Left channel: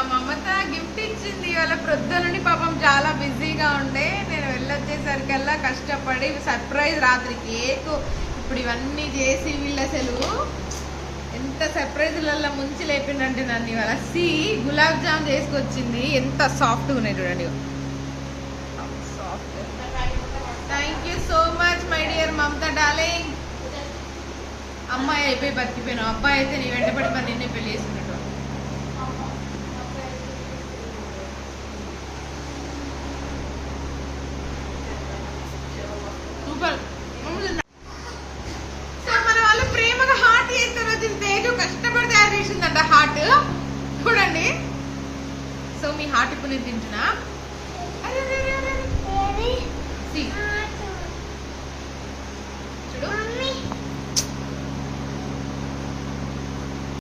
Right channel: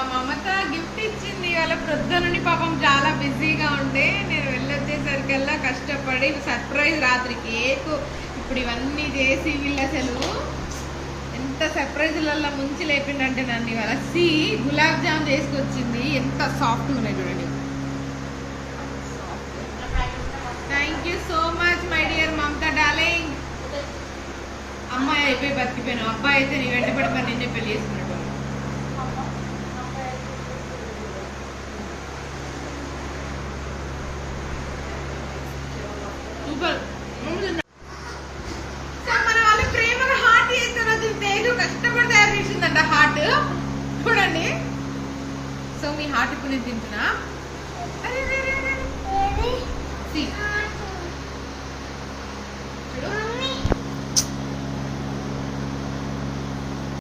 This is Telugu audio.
మా మమత గిఫ్ట్ ఇచ్చింది. వాళ్ళ ప్రొద్దునని పాపం చాలా బిజీగా ఉండే, నేను వెళ్ళొచ్చేసరికల్లా కష్టపడి సర్ప్రైజ్ రాత్రి కేక్ ఇప్పుడు ఇవన్నీ చేసి వీళ్ళు అసలు ఎంత సర్ప్రైజ్లలో ముంచి లేపిండంటే నన్ను ఇవాళ గులాబ్ జామ్ చేసుకొచ్చింది. ఎంత సాఫ్ట్గా ఉన్నాయి చూడండి. Thank you so much my dear Mamata darling. అమ్మాయి అయిపోయి బతికిపోయాను, అబ్బాయి అయితే నీ వెంటబడి మరి నిన్నే పెళ్లి చేసుకున్నట్టు. సూపర్. మన వాళ్ళ ప్రేమగా హార్ట్ చేస్తే వచ్చింది. తేజు కష్టపడి తయారు చేసిందంట హార్ట్, చూడండి. సో మీ హార్ట్ ఇప్పుడు నేను తింటున్నా. అరే